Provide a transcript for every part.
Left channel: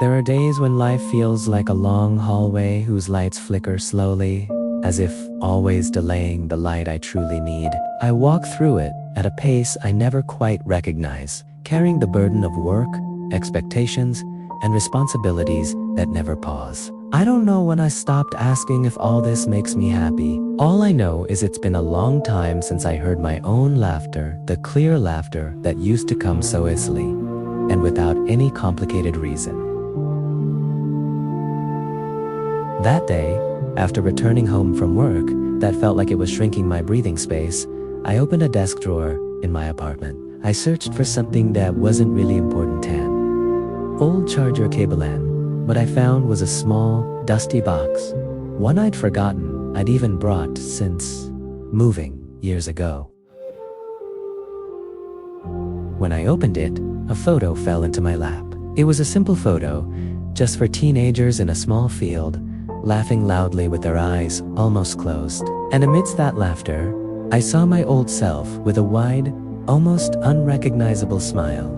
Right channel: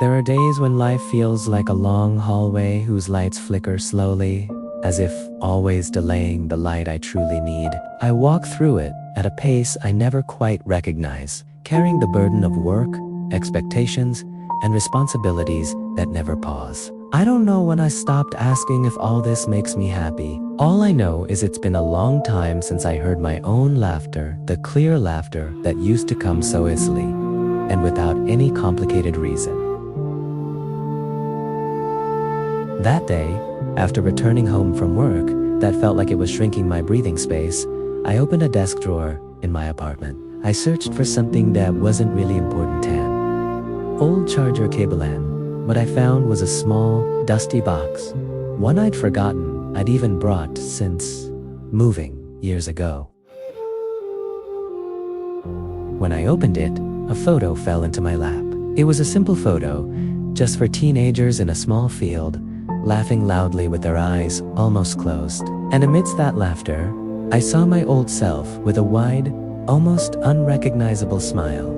There are days when life feels like a long hallway whose lights flicker slowly, as if always delaying the light I truly need. I walk through it at a pace I never quite recognize, carrying the burden of work, expectations, and responsibilities that never pause. I don't know when I stopped asking if all this makes me happy. All I know is it's been a long time since I heard my own laughter, the clear laughter that used to come so easily, and without any complicated reason. That day, after returning home from work that felt like it was shrinking my breathing space, I opened a desk drawer in my apartment. I searched for something that wasn't really important. Old charger cable end. What I found was a small, dusty box, one I'd forgotten I'd even brought since moving years ago. When I opened it, a photo fell into my lap. It was a simple photo, just for teenagers in a small field, laughing loudly with their eyes almost closed. And amidst that laughter, I saw my old self with a wide, almost unrecognizable smile.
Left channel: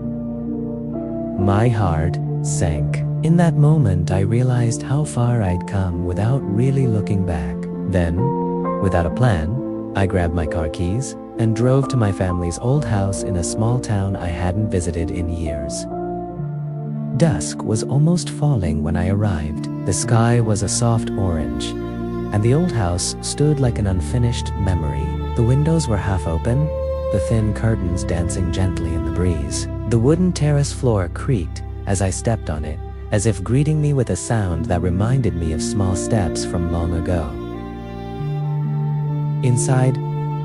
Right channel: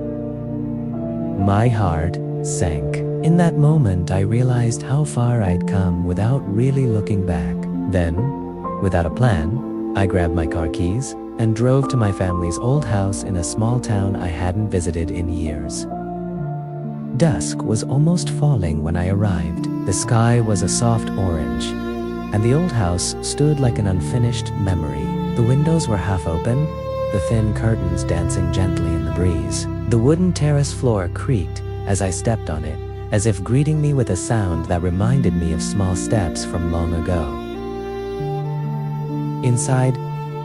My heart sank. In that moment, I realized how far I'd come without really looking back. Then, without a plan, I grabbed my car keys and drove to my family's old house in a small town I hadn't visited in years. Dusk was almost falling when I arrived. The sky was a soft orange, and the old house stood like an unfinished memory. The windows were half open, the thin curtains dancing gently in the breeze. The wooden terrace floor creaked as I stepped on it, as if greeting me with a sound that reminded me of small steps from long ago. Inside,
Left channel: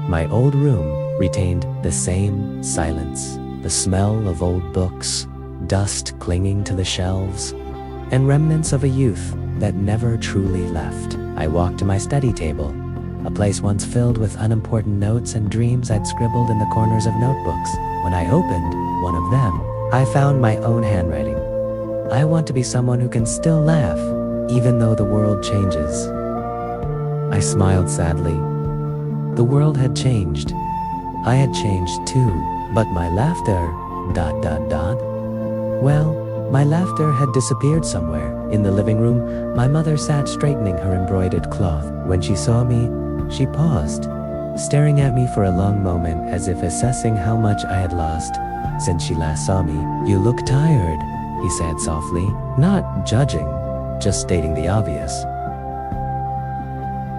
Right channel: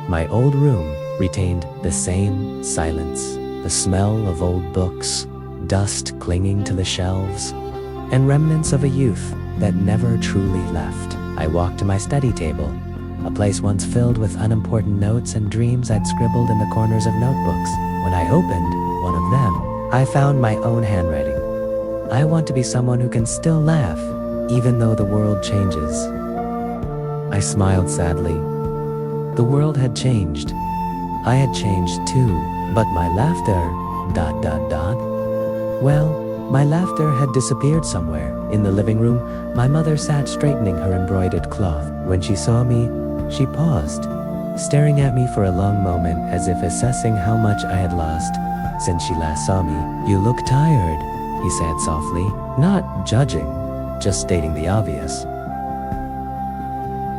my old room retained the same silence, the smell of old books, dust clinging to the shelves, and remnants of a youth that never truly left. I walked to my study table, a place once filled with unimportant notes and dreams I'd scribbled in the corners of notebooks. When I opened one of them, I found my own handwriting. I want to be someone who can still laugh, even though the world changes. I smiled sadly. The world had changed. I had changed too, but my laughter, ... Well, my laughter had disappeared somewhere. In the living room, my mother sat straightening her embroidered cloth. When she saw me, she paused, staring at me for a long moment as if assessing how much I had lost since she last saw me. "You look tired," he said softly, not judging, just stating the obvious.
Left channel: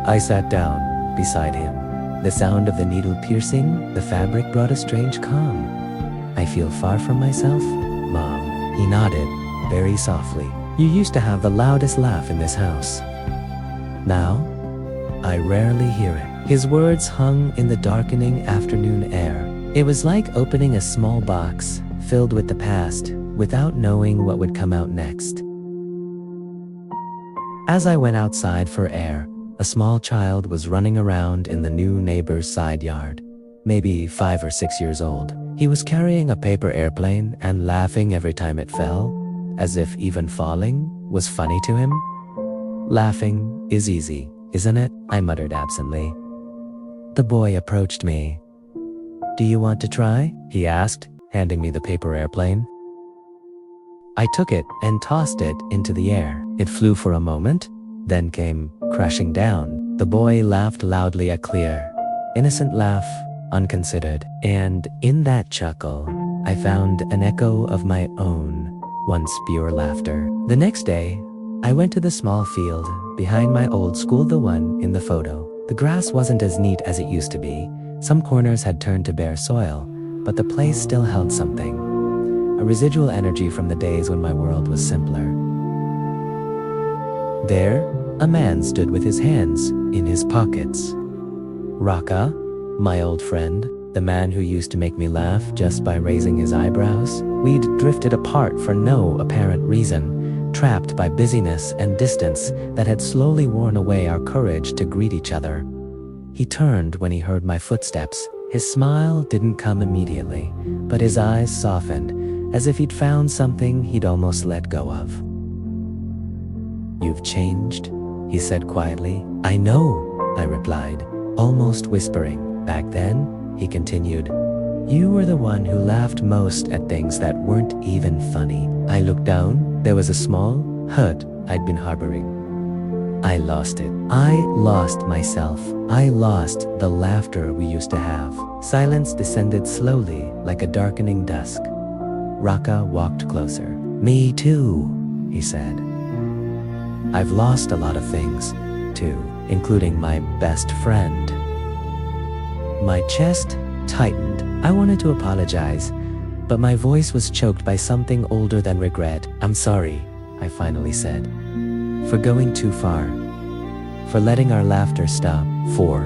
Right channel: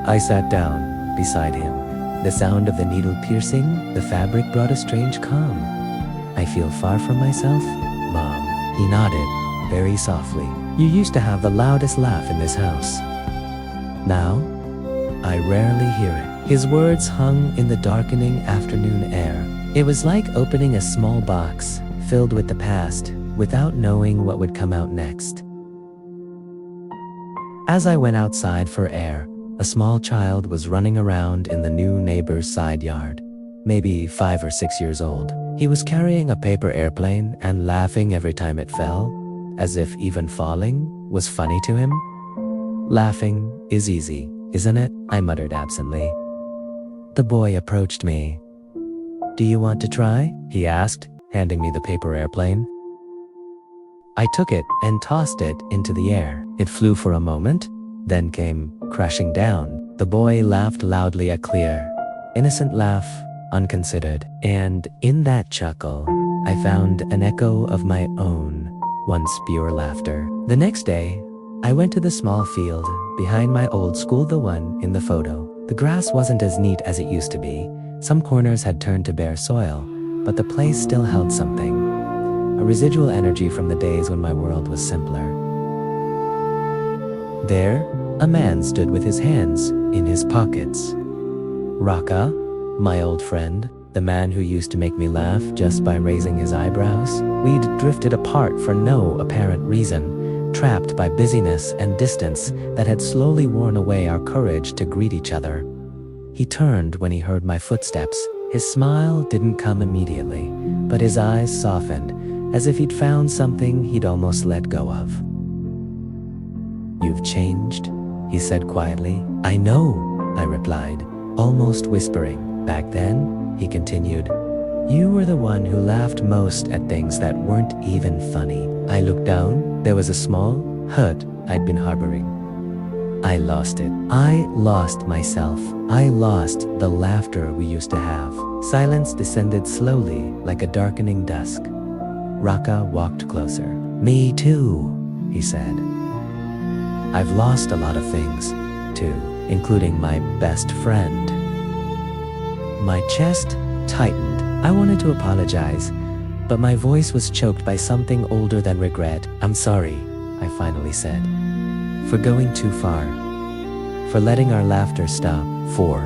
I sat down beside him. The sound of the needle piercing the fabric brought a strange calm. "I feel far from myself, Mom." He nodded, very softly. "You used to have the loudest laugh in this house. Now, I rarely hear it." His words hung in the darkening afternoon air. It was like opening a small box filled with the past without knowing what would come out next. As I went outside for air, a small child was running around in the new neighbor's side yard, maybe 5 or 6 years old. He was carrying a paper airplane and laughing every time it fell, as if even falling was funny to him. "Laughing is easy, isn't it?" I muttered absently. The boy approached me. "Do you want to try?" he asked, handing me the paper airplane. I took it and tossed it into the air. It flew for a moment, then came crashing down. The boy laughed loudly, a clear, innocent laugh, unconsidered. And in that chuckle, I found an echo of my own, once pure laughter. The next day, I went to the small field behind my old school, the one in the photo. The grass wasn't as neat as it used to be. Some corners had turned to bare soil, but the place still held something, a residual energy from the days when my world was simpler. There, a man stood with his hands in his pockets. Raka, my old friend, the man who used to make me laugh just by raising his eyebrows. We'd drifted apart for no apparent reason, trapped by busyness and distance that had slowly worn away our courage to greet each other. He turned when he heard my footsteps. His smile didn't come immediately, but his eyes softened, as if he'd found something he'd almost let go of. "You've changed," he said quietly. "I know," I replied, almost whispering. "Back then," he continued, You were the one who laughed most at things that weren't even funny. I looked down. There was a small hurt I'd been harboring. I lost it. I lost myself. I lost the laughter we used to have. Silence descended slowly like a darkening dusk. Raka walked closer. Me too, he said. I've lost a lot of things, too, including my best friend. My chest tightened. I wanted to apologize, but my voice was choked by something older than regret. I'm sorry, I finally said, for going too far, for letting our laughter stop, for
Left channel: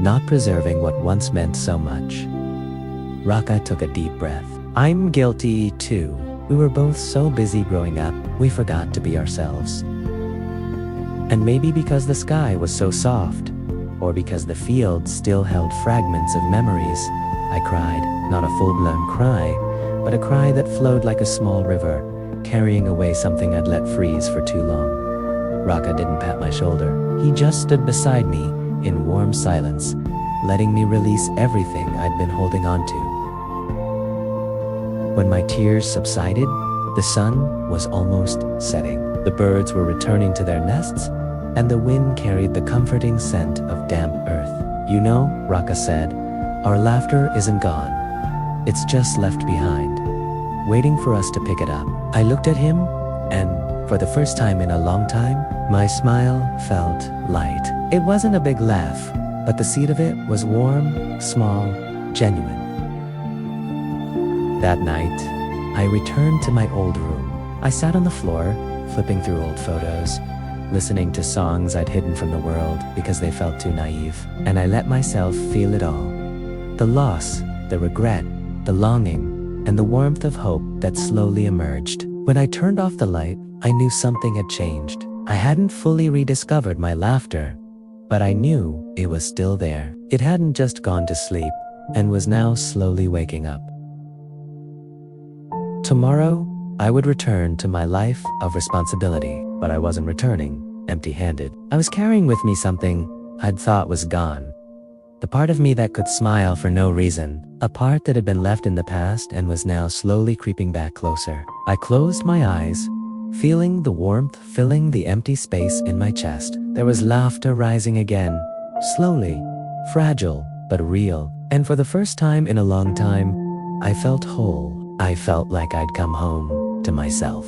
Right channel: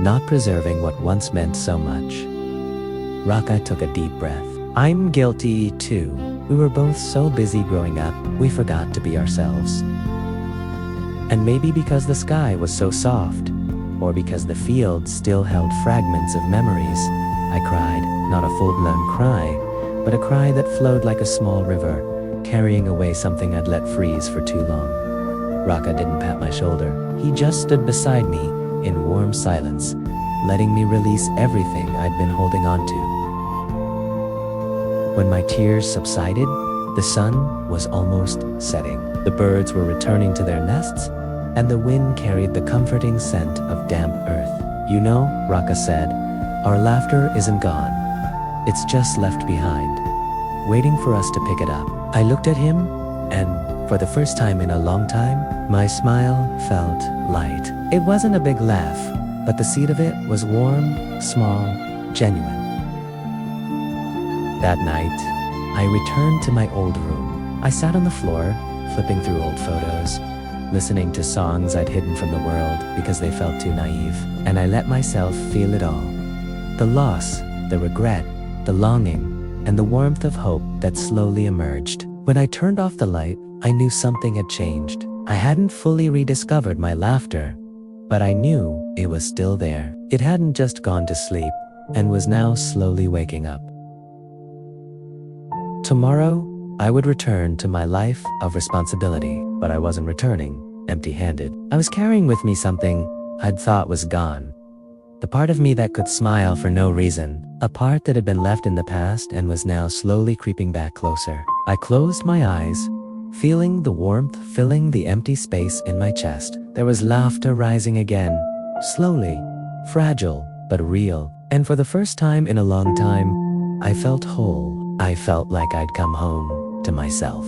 not preserving what once meant so much. Raka took a deep breath. I'm guilty too. We were both so busy growing up, we forgot to be ourselves. And maybe because the sky was so soft, or because the field still held fragments of memories, I cried, not a full-blown cry, but a cry that flowed like a small river, carrying away something I'd let freeze for too long. Raka didn't pat my shoulder. He just stood beside me in warm silence, letting me release everything I'd been holding on to. When my tears subsided, the sun was almost setting. The birds were returning to their nests, and the wind carried the comforting scent of damp earth. You know, Raka said, our laughter isn't gone. It's just left behind, waiting for us to pick it up. I looked at him, and for the first time in a long time, my smile felt light. It wasn't a big laugh, but the seed of it was warm, small, genuine. That night, I returned to my old room. I sat on the floor, flipping through old photos, listening to songs I'd hidden from the world because they felt too naive, and I let myself feel it all. The loss, the regret, the longing, and the warmth of hope that slowly emerged. When I turned off the light, I knew something had changed. I hadn't fully rediscovered my laughter, but I knew it was still there. It hadn't just gone to sleep, and was now slowly waking up. Tomorrow, I would return to my life of responsibility, but I wasn't returning empty-handed. I was carrying with me something I'd thought was gone. The part of me that could smile for no reason, a part that had been left in the past and was now slowly creeping back closer. I closed my eyes, feeling the warmth filling the empty space in my chest. There was laughter rising again, slowly, fragile, but real. And for the first time in a long time, I felt whole. I felt like I'd come home to myself.